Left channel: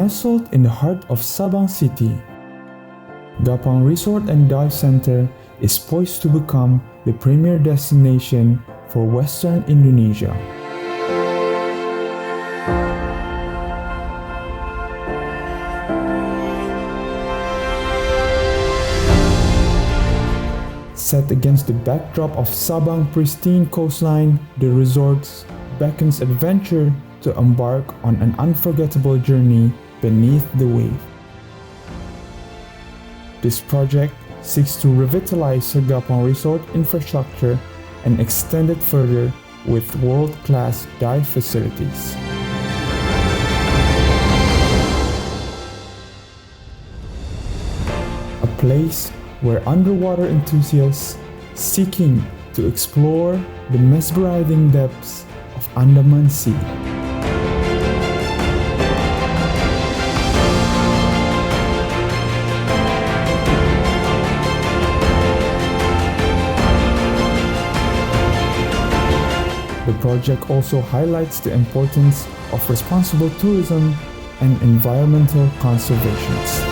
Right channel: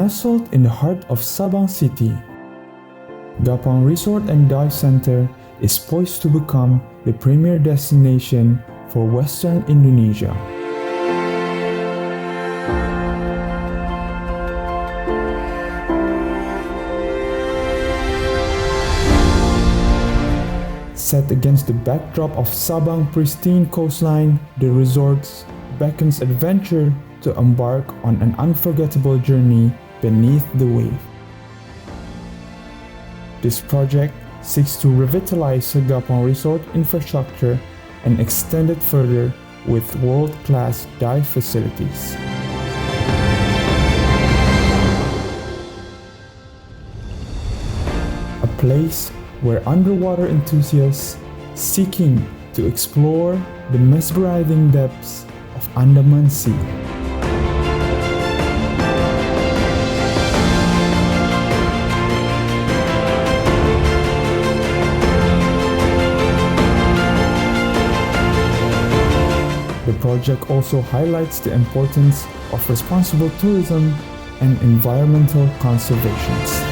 Nestled in the heart of Sabang City, Gapang Resort and Dive Center is poised to become the premier destination for Western Indonesia. Set against the backdrop of Sabang's pristine coastline, the resort beckons adventure to embark on an unforgettable journey beneath the wave. This project seeks to revitalize the Gapang Resort infrastructure and extend it further with world-class dive facilities. A place where underwater enthusiasts seeking to explore the mesmerizing depths of Andaman Sea. The project also highlights the importance of responsible tourism and environmental conservation.